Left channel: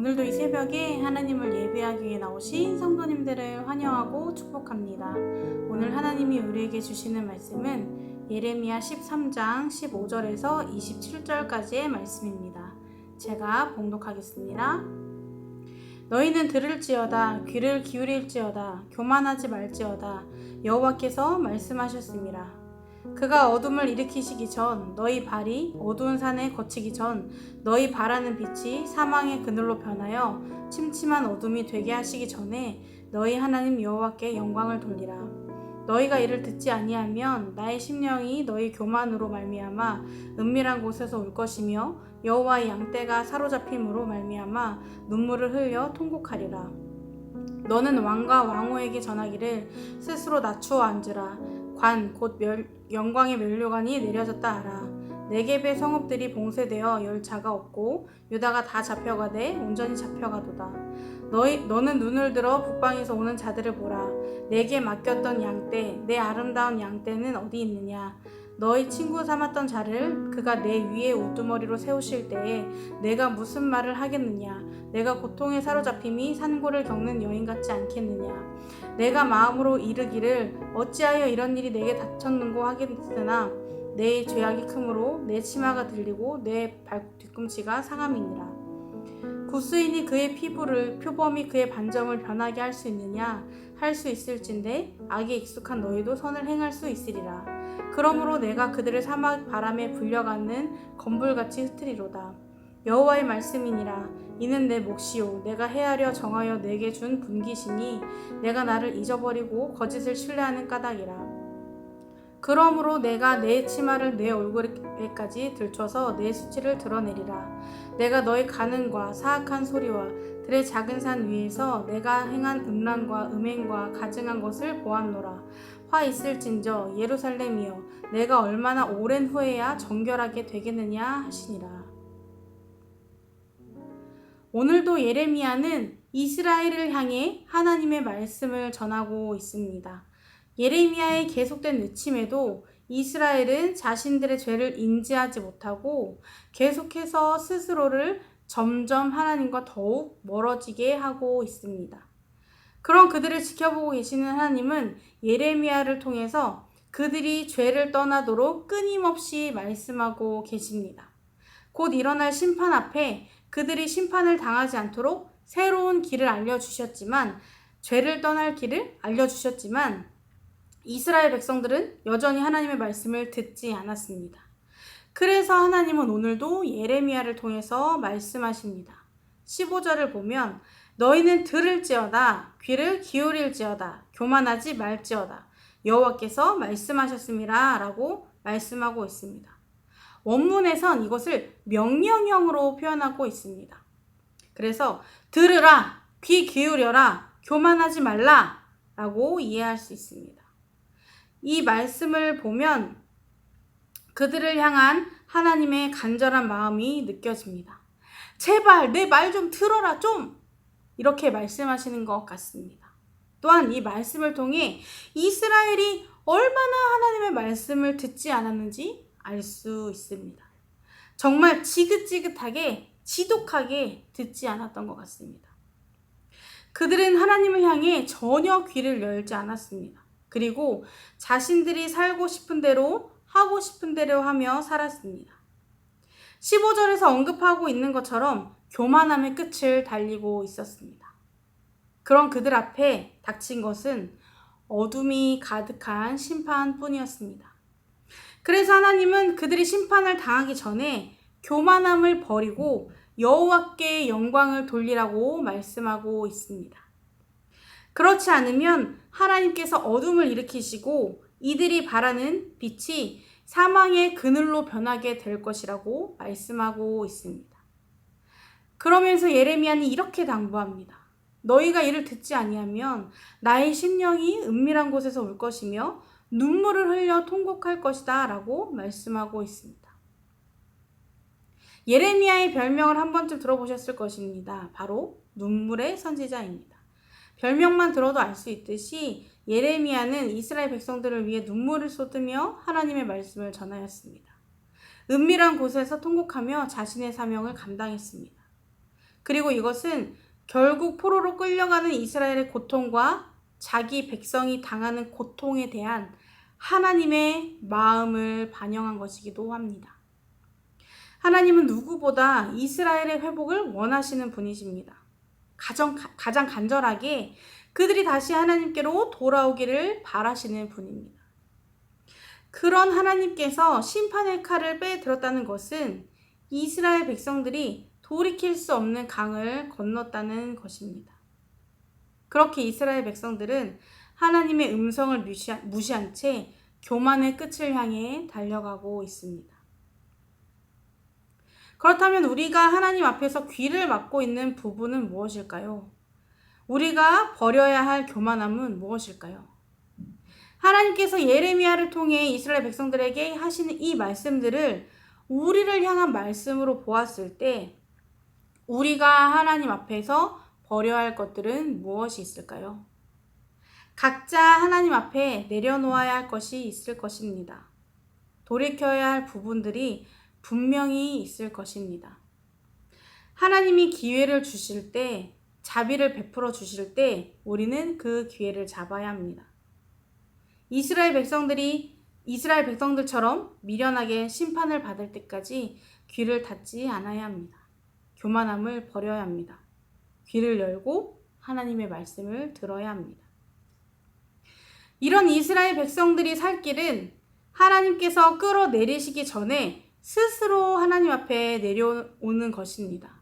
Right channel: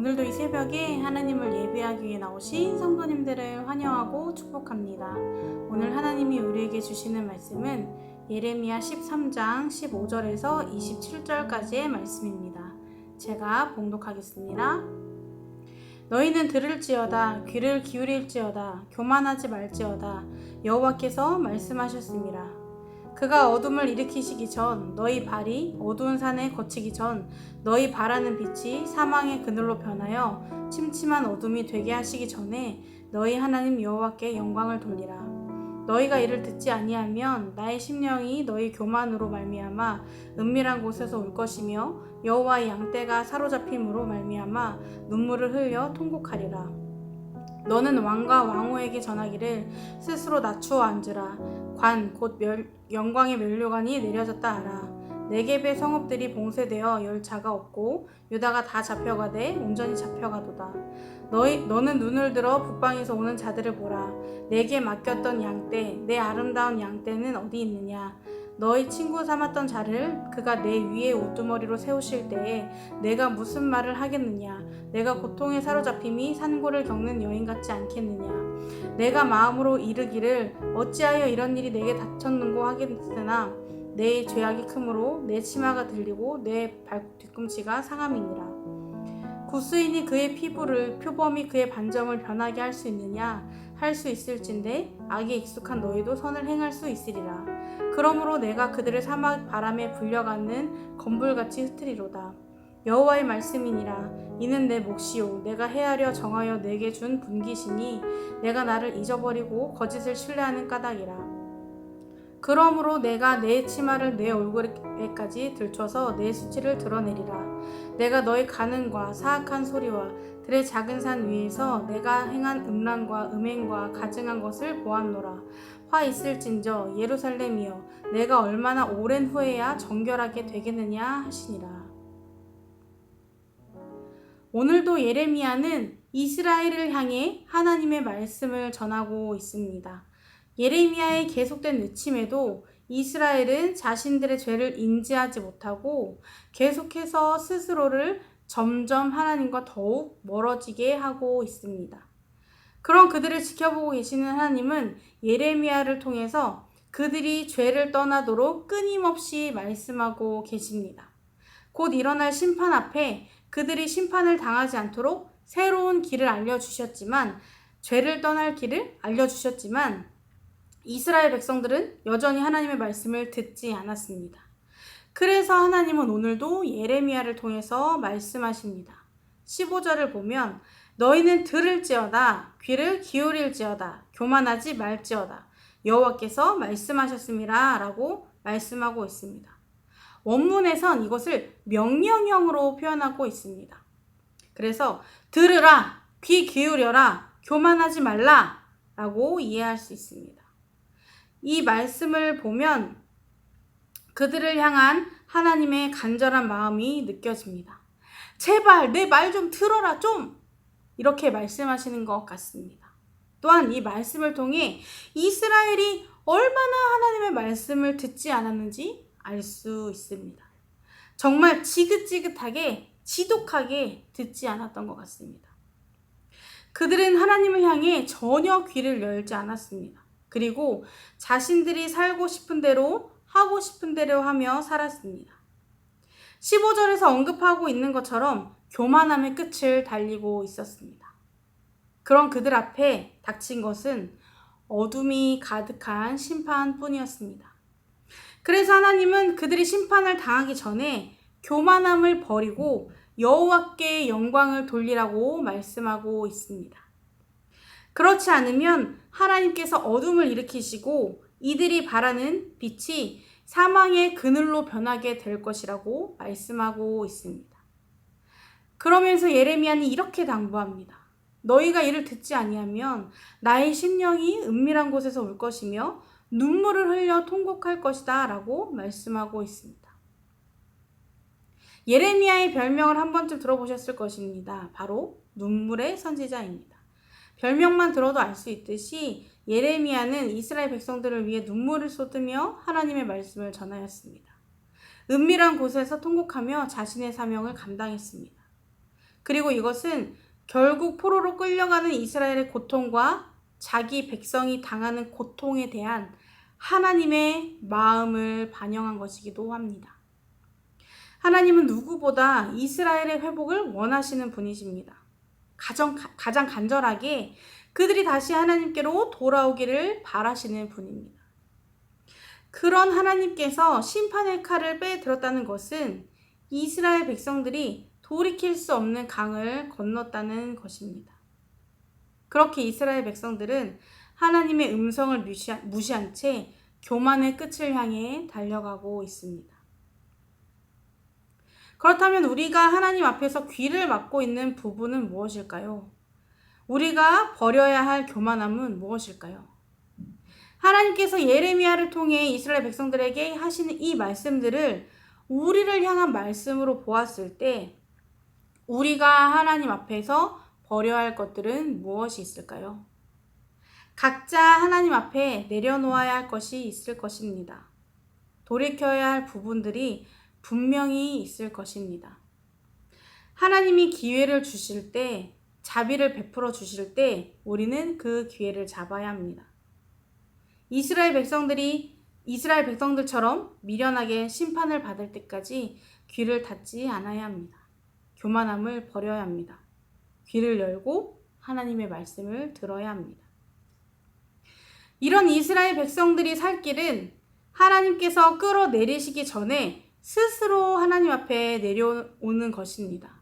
오늘도 이 새벽에 하나님을 예배하기 위해 나오신 성도님들을 환영하고 축복합니다. 오늘 하나님이 우리에게 주시는 말씀은 예레미야 13장 15절에서 27절까지의 말씀입니다. 제가 봉독하겠습니다. 너희는 들을지어다 귀를 기울일지어다 교만하지 말지어다 여호와께서 말씀하셨습니다. 그가 어둠을 일으키시기 전 너희 발이 어두운 산에 거치기 전 너희 바라는 빛이 사망의 그늘로 변하여 침침한 어둠이 되게 하시기 전에 너희 하나님 여호와께 영광을 돌리라. 너희가 이를 듣지 아니하면 나의 심령이 너희 교만으로 말미암아 은밀한 곳에서 울 것이며 여호와의 양떼가 사로잡힘으로 말미암아 눈물을 흘려 통곡하리라. 너는 왕과 왕후에게 전하기를 스스로 낮추어 앉으라. 관 곧 영광의 면류관이 내려졌다 하라. 네겝의 성읍들이 봉쇄되어 열 자가 없고 유다가 다 잡혀가되 온전히 잡혀가도다. 너는 눈을 들어 북방에서 오는 자들을 보라. 내게 맡겼던 양떼 내 아름다운 양떼는 어디 있느냐. 너희 친구 삼았던 자를 그가 내 위에 우두머리로 세우실 때에 내가 무슨 말을 하겠느냐. 내가 고통에 사로잡힘이 산고를 겪는 여인 같지 않겠느냐. 내가 마음으로 이르기를 어찌하여 이런 일이 내게 닥쳤는고 하겠으나 내 죄악이 크므로 내 치마가 들리고 내 뒤꿈치가 상함이니라. 구스인이 그의 피부를 표범이 그의 반점을 변하게 할 수 있느냐. 할 수 있을진데 악에 익숙한 너희도 선을 행할 수 있으리라. 그러므로 내가 그들을 사막 바람에 불려가는 건불같이 흩트리로다. 여호와의 말씀이니라. 이는 내 몫이요 내가 헤아려 정하여 내게 준 분깃이니 내가 나를 잊어버리고 거짓을 신뢰하는 까닭이라. 그러므로 내가 내 치마를 내 얼굴에까지 들춰서 내 수치를 드러내리라. 내가 너의 간음과 사악한 소리와 들의 작은 산 위에서 내가 행한 음란과 음행과 가증한 것을 보았노라. 화 있을진저 예루살렘이여 내가 얼마나 오랜 후에야 정결하게 되겠느냐 하시니라. 오늘도 예레미야는 이스라엘을 향해 하나님의 말씀을 전하고 있습니다. 예레미야의 계속된 외침에도 이스라엘은 자신들의 죄를 인지하지 못하고 계속해서 스스로를 점점 하나님과 더욱 멀어지게 하고 있습니다. 그런 그들을 지켜보고 계시는 하나님은 예레미야를 통해서 그들이 죄를 떠나도록 끊임없이 말씀하고 계십니다. 곧 일어날 심판 앞에 그들이 심판을 당하지 않도록 새로운 길을 알려주셨지만 죄를 떠날 길을 알려주셨지만 이스라엘 백성들은 여전히 하나님의 말씀을 듣지 않았습니다. 그래서 하나님은 오늘도 예레미야를 통해서 말씀하십니다. 15절을 보면 너희는 들을지어다 귀를 기울일지어다 교만하지 말지어다 여호와께서 말씀하셨습니다 라고 말씀하고 있습니다. 원문에선 이것을 명령형으로 표현하고 있습니다. 그래서 들으라, 귀 기울여라, 교만하지 말라 라고 이해할 수 있습니다. 이 말씀을 보면 그들을 향한 하나님의 간절한 마음이 느껴집니다. 제발 내 말 좀 들어라 좀! 이렇게 말씀하시는 것 같습니다. 또한 이 말씀을 통해 이스라엘이 얼마나 하나님의 말씀을 듣지 않았는지 알 수 있습니다. 정말 지긋지긋하게 지독하게 듣지 않았던 것 같습니다. 그들은 하나님을 향해 전혀 귀를 열지 않았습니다. 그리고 자신들이 살고 싶은 대로 하고 싶은 대로 하며 살았습니다. 15절에서 언급하고 있는 것처럼 교만함의 끝을 달리고 있었습니다. 그런 그들 앞에 닥친 것은 어둠이 가득한 심판뿐이었습니다. 그래서 하나님은 그들이 심판을 당하기 전에 교만함을 버리고 여호와께 영광을 돌리라고 말씀하고 있습니다. 그렇지 않으면 하나님께서 어둠을 일으키시고 이들이 바라는 빛이 사망의 그늘로 변하게 될 것이라고 말씀하고 있습니다. 그러면서 예레미야는 이렇게 당부합니다. 너희가 이를 듣지 아니하면 나의 심령이 은밀한 곳에서 울 것이며 눈물을 흘려 통곡할 것이다 라고 말씀하고 있습니다. 예레미야의 별명을 한 번쯤 들어보셨을 것입니다. 바로 눈물의 선지자입니다. 별명만 들어도 알 수 있듯이 예레미야는 이스라엘 백성들을 위해 눈물을 쏟으며 하나님의 말씀을 전하였습니다. 은밀한 곳에서 통곡하며 자신의 사명을 감당했습니다. 그리고 이것은 결국 포로로 끌려가는 이스라엘의 고통과 자기 백성이 당하는 고통에 대한 하나님의 마음을 반영한 것이기도 합니다. 하나님은 누구보다 이스라엘의 회복을 원하시는 분이십니다. 가장 간절하게 그들이 다시 하나님께로 돌아오기를 바라시는 분입니다. 그런 하나님께서 심판의 칼을 빼들었다는 것은 이스라엘 백성들이 돌이킬 수 없는 강을 건넜다는 것입니다. 그렇게 이스라엘 백성들은 하나님의 음성을 무시한 채 교만의 끝을 향해 달려가고 있습니다. 그렇다면 우리가 하나님 앞에서 귀를 막고 있는 부분은 무엇일까요? 우리가 버려야 할 교만함은 무엇일까요? 하나님께서 예레미야를 통해 이스라엘 백성들에게 하시는 이 말씀들을 우리를 향한 말씀으로 보았을 때 우리가 하나님 앞에서 버려야 할 것들은 무엇이 있을까요? 각자 하나님 앞에 내려놓아야 할 것이 있을 것입니다. 돌이켜야 할 부분들이 분명히 있을 것입니다. 하나님이 기회를 주실 때, 자비를 베풀어 주실 때 우리는 그 기회를 잡아야 합니다. 이스라엘 백성들처럼 미련하게 심판을 받을 때까지 귀를 닫지 않아야 합니다. 교만함을 버려야 합니다. 귀를 열고 하나님의 말씀을 들어야 합니다. 이런 이스라엘 백성들이 살 길은 하나님께서 끌어내리시기 전에 스스로 하나님 앞에 내려오는 것입니다.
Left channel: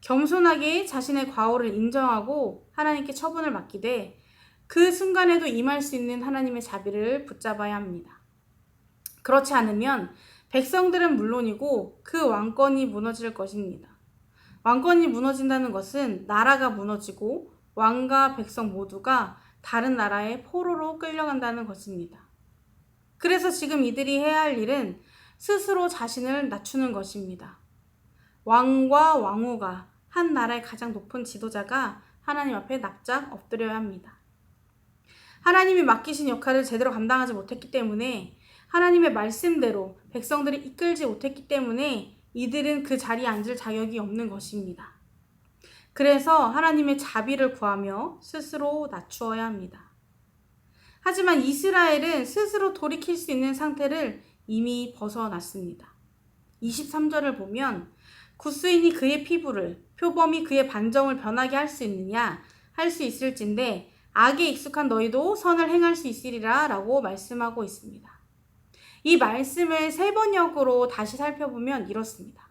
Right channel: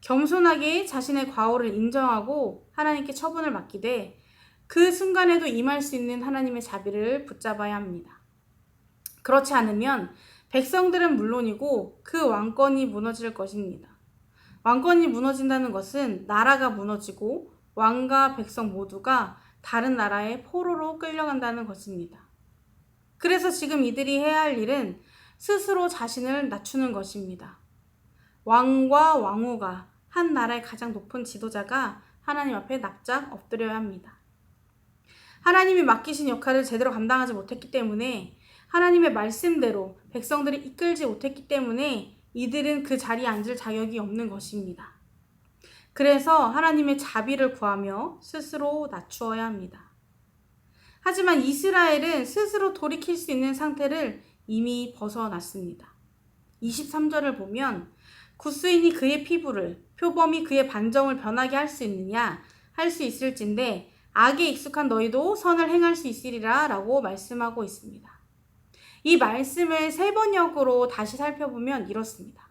겸손하게 자신의 과오를 인정하고 하나님께 처분을 맡기되 그 순간에도 임할 수 있는 하나님의 자비를 붙잡아야 합니다. 그렇지 않으면 백성들은 물론이고 그 왕권이 무너질 것입니다. 왕권이 무너진다는 것은 나라가 무너지고 왕과 백성 모두가 다른 나라의 포로로 끌려간다는 것입니다. 그래서 지금 이들이 해야 할 일은 스스로 자신을 낮추는 것입니다. 왕과 왕후가 한 나라의 가장 높은 지도자가 하나님 앞에 납작 엎드려야 합니다. 하나님이 맡기신 역할을 제대로 감당하지 못했기 때문에 하나님의 말씀대로 백성들이 이끌지 못했기 때문에 이들은 그 자리에 앉을 자격이 없는 것입니다. 그래서 하나님의 자비를 구하며 스스로 낮추어야 합니다. 하지만 이스라엘은 스스로 돌이킬 수 있는 상태를 이미 벗어났습니다. 23절을 보면 굿수인이 그의 피부를, 표범이 그의 반점을 변하게 할 수 있느냐? 할 수 있을진데 악에 익숙한 너희도 선을 행할 수 있으리라 라고 말씀하고 있습니다. 이 말씀을 세 번역으로 다시 살펴보면 이렇습니다.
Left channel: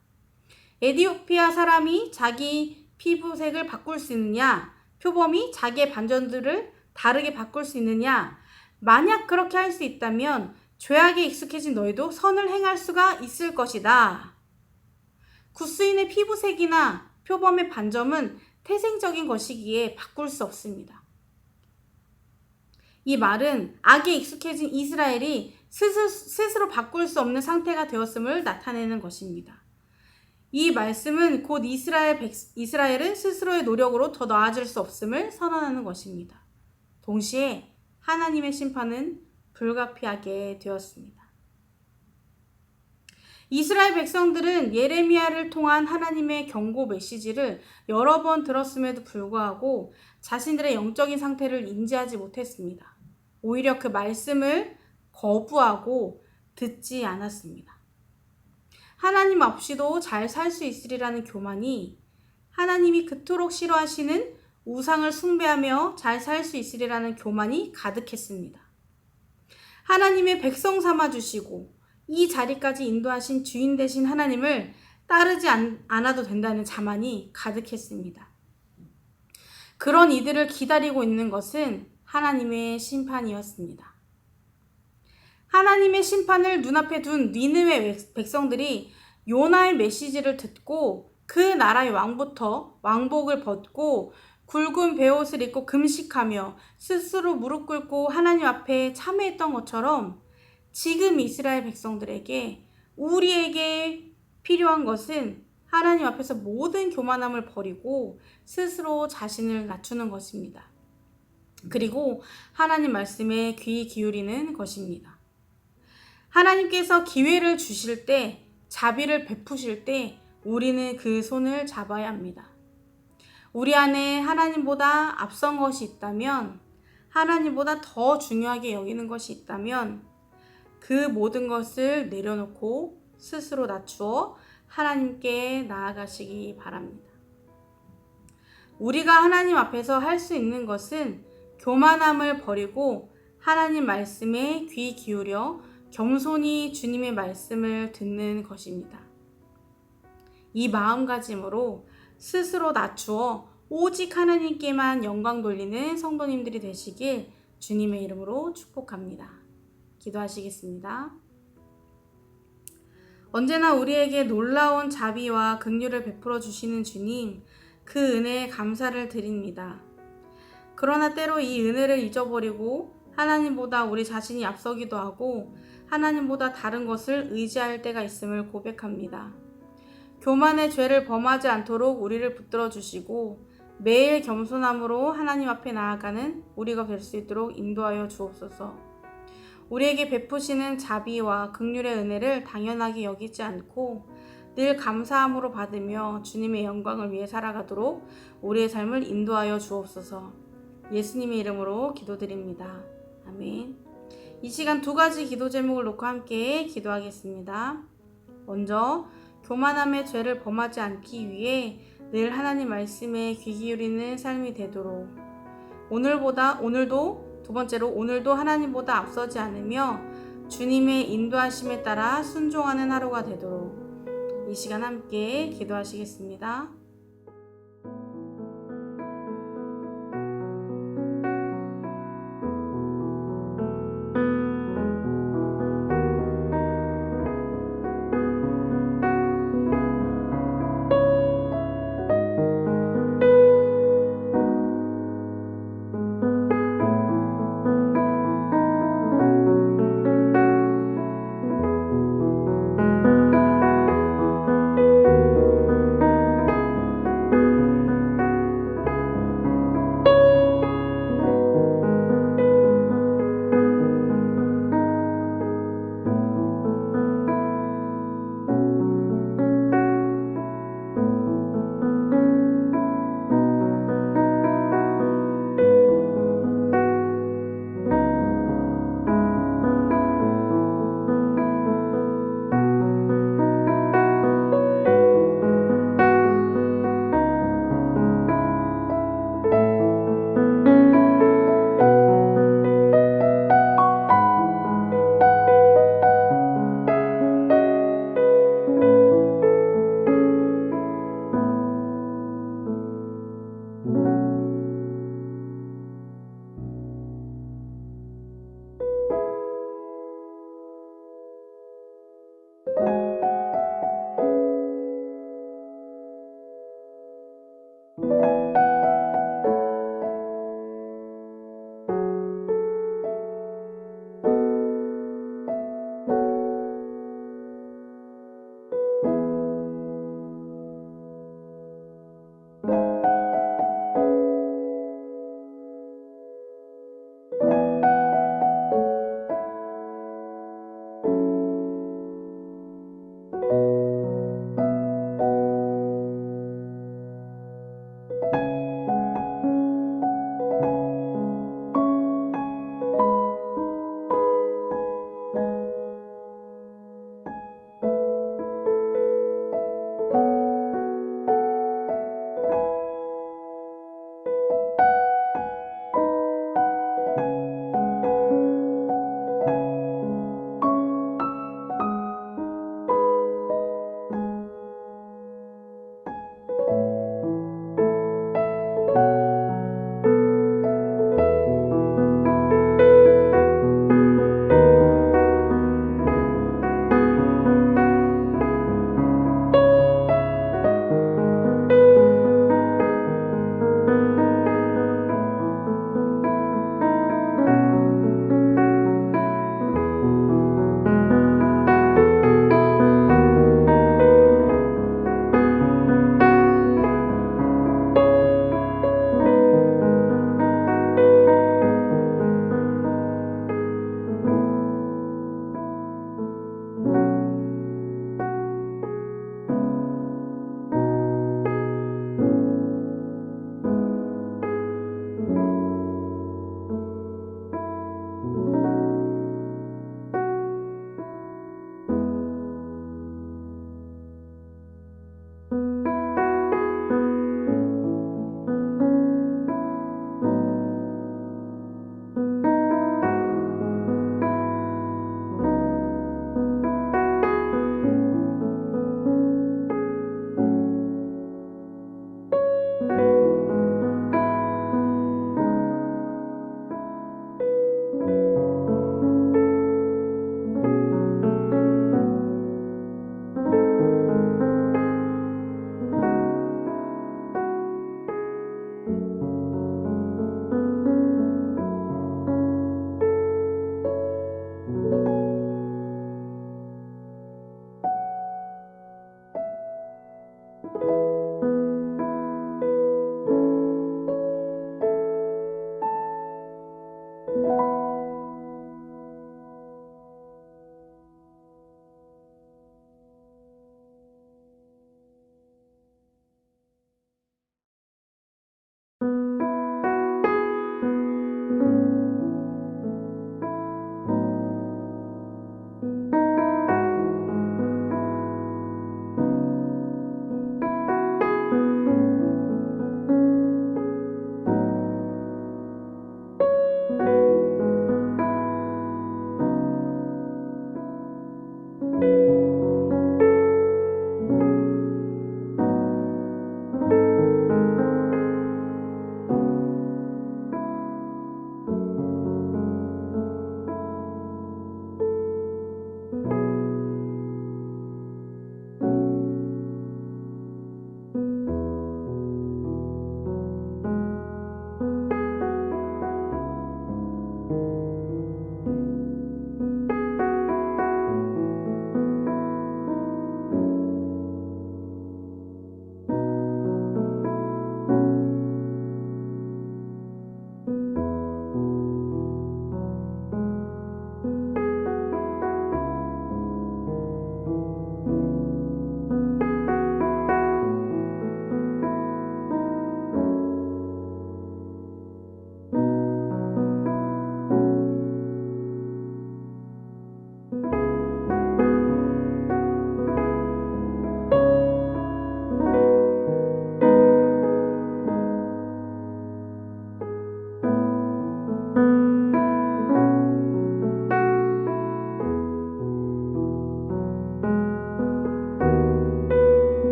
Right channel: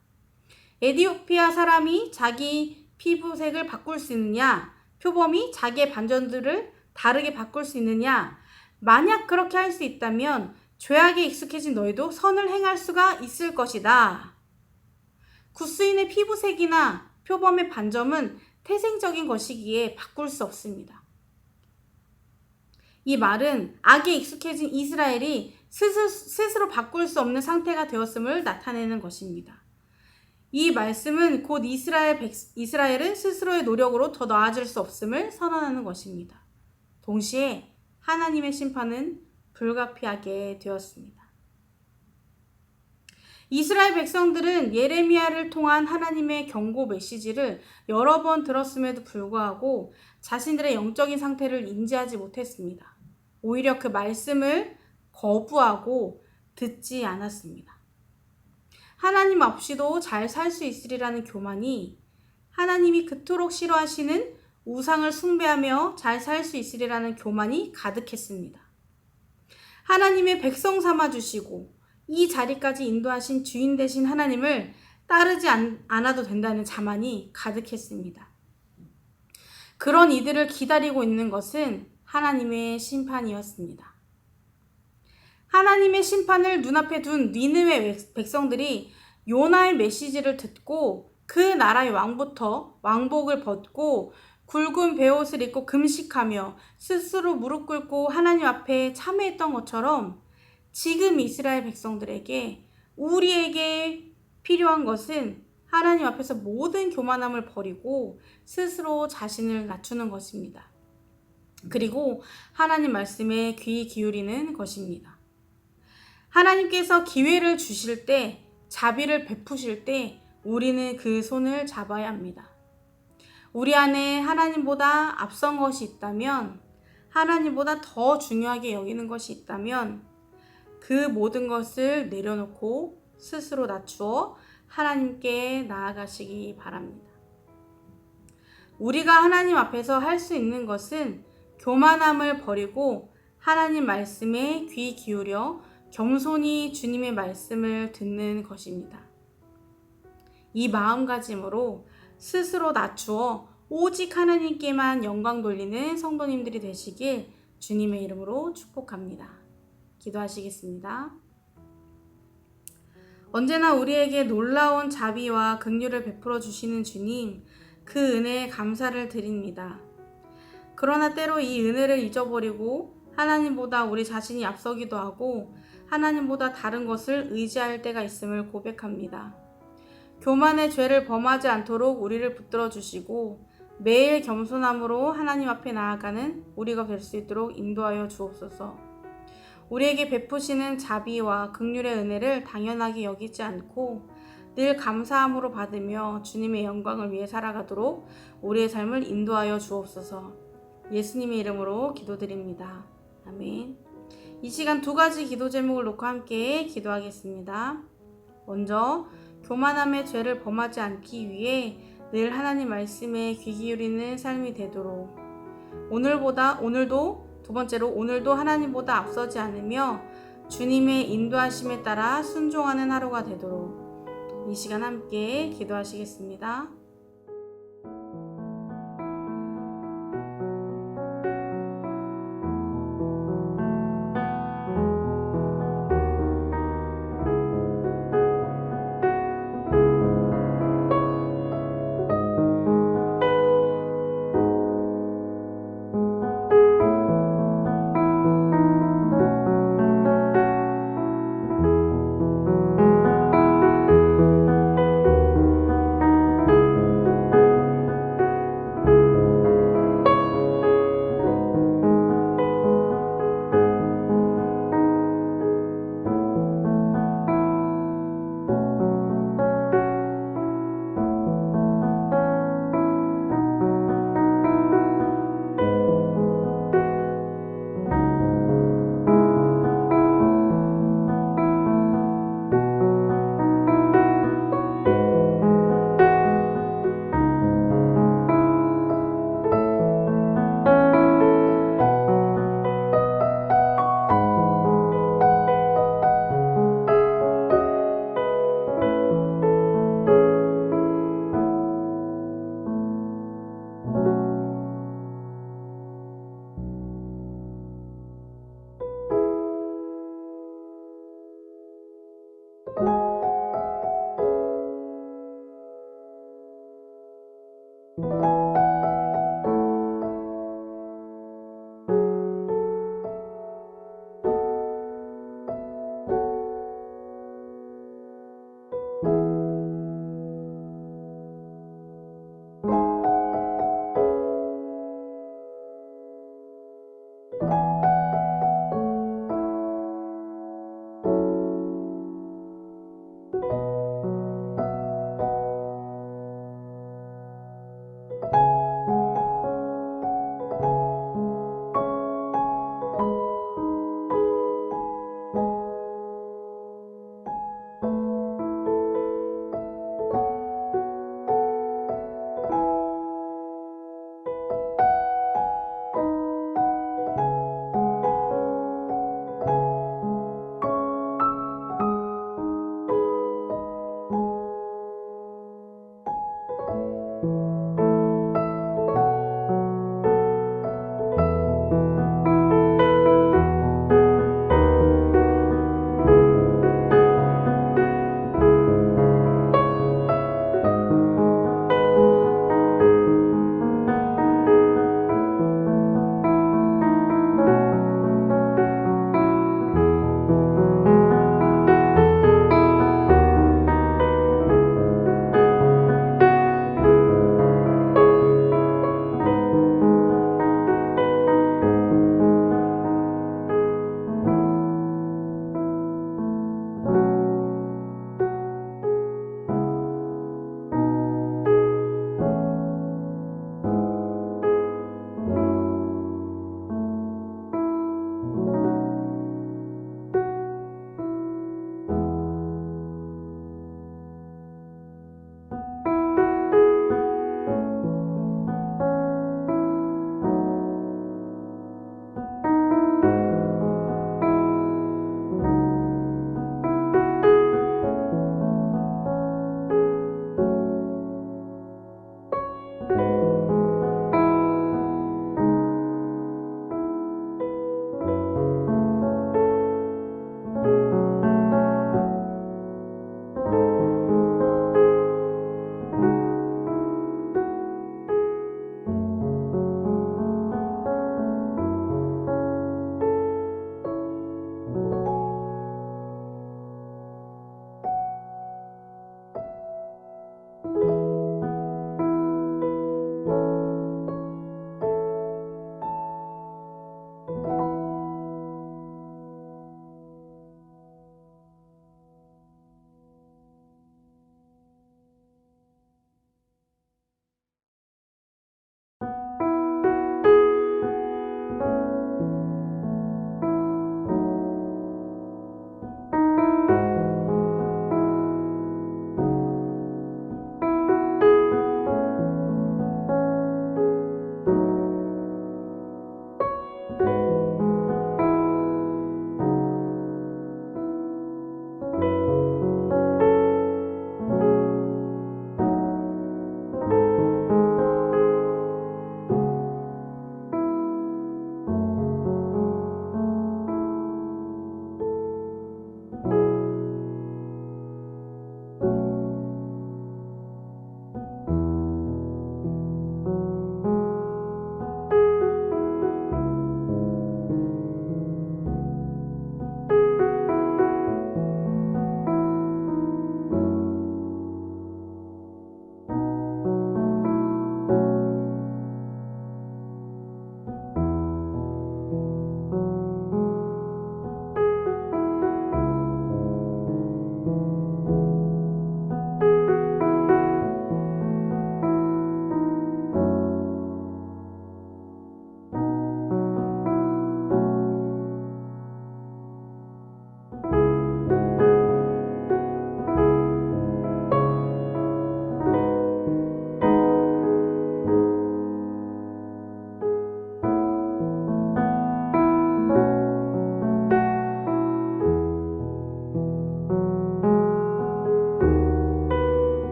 에티오피아 사람이 자기 피부색을 바꿀 수 있느냐? 표범이 자기의 반점들을 다르게 바꿀 수 있느냐? 만약 그렇게 할 수 있다면 죄악에 익숙해진 너희도 선을 행할 수가 있을 것이다. 굿수인의 피부색이나 표범의 반점은 태생적인 것이기에 바꿀 수 없습니다. 이 말은 악에 익숙해진 이스라엘이 스스로 바꿀 수 없는 상태가 되었음을 나타내는 것입니다. 이 말씀은 곧 이스라엘은 스스로의 노력으로 더 나아질 수 없음을 선언하는 것입니다. 동시에 하나님의 심판은 불가피하게 되었습니다. 이스라엘 백성들은 예레미야를 통한 하나님의 경고 메시지를 여러 번 들었음에도 불구하고 자신들의 영적인 상태를 인지하지 못했습니다. 오히려 그 말씀을 거부하고 듣지 않았습니다. 하나님 없이도 잘 살 수 있으리라는 교만이 하나님이 그토록 싫어하시는 우상을 숭배하며 잘 살 수 있으리라는 교만이 가득했습니다. 하나님의 백성 삼아주시고 이 자리까지 인도하신 주인 되신 하나님을 따르지 않아도 된다는 자만이 가득했습니다. 그런 이들을 기다리고 있는 것은 하나님의 심판이었습니다. 하나님의 심판을 눈앞에 둔 니느웨 백성들이 요나의 메시지를 듣고 그 나라의 왕부터 왕복을 벗고 굵은 베옷을 입고 금식하며 스스로 무릎 꿇고 하나님 앞에 참회했던 것처럼 지금 이스라엘 백성들에게 우리에게 필요한 것은 하나님 앞에서 모든 교만함을 버리고 스스로 자신을 낮추는 것입니다. 그리고 하나님 말씀에 귀 기울이는 것입니다. 하나님께서 기회를 주실 때, 자비를 베푸실 때 우리는 그 손을 잡아야 합니다. 우리 안에 하나님보다 앞선 것이 있다면, 하나님보다 더 중요하게 여기는 것이 있다면 그 모든 것을 내려놓고 스스로 낮추어 하나님께 나아가시기 바랍니다. 우리가 하나님 앞에서 할 수 있는 것은 교만함을 버리고 하나님 말씀에 귀 기울여 겸손히 주님의 말씀을 듣는 것입니다. 이 마음가짐으로 스스로 낮추어 오직 하나님께만 영광 돌리는 성도님들이 되시길 주님의 이름으로 축복합니다. 기도하시겠습니다. 언제나 우리에게 놀라운 자비와 긍휼을 베풀어 주시는 주님, 그 은혜에 감사를 드립니다. 그러나 때로 이 은혜를 잊어버리고 하나님보다 우리 자신이 앞서기도 하고 하나님보다 다른 것을 의지할 때가 있음을 고백합니다. 교만의 죄를 범하지 않도록 우리를 붙들어 주시고 매일 겸손함으로 하나님 앞에 나아가는 우리가 될 수 있도록 인도하여 주옵소서. 우리에게 베푸시는 자비와 긍휼의 은혜를 당연하게 여기지 않고 늘 감사함으로 받으며 주님의 영광을 위해 살아가도록 우리의 삶을 인도하여 주옵소서. 예수님의 이름으로 기도드립니다. 아멘. 이 시간 두 가지 기도 제목을 놓고 함께 기도하겠습니다. 먼저 교만함의 죄를 범하지 않기 위해 늘 하나님 말씀에 귀 기울이는 삶이 되도록, 오늘도 두 번째로 오늘도 하나님보다 앞서지 않으며 주님의 인도하심에 따라 순종하는 하루가 되도록 이 시간 함께 기도하시겠습니다.